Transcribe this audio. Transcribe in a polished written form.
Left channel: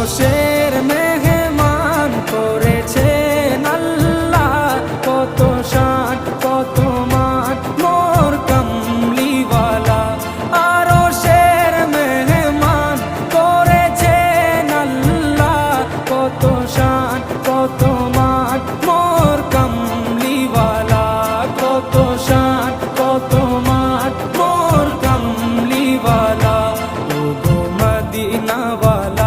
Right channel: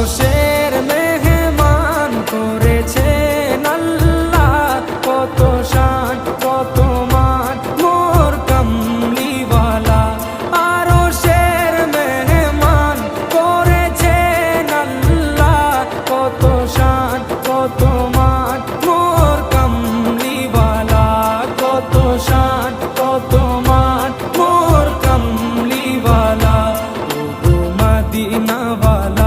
আরশের মেহমান করেছেন আল্লাহ, কত শান কত মান মোর কামলিওয়ালা। আরশের মেহমান করেছেন আল্লাহ, কত শান কত মান মোর কামলিওয়ালা, কত শান কত মান মোর কামলিওয়ালা। ও গো মদিনাওয়ালা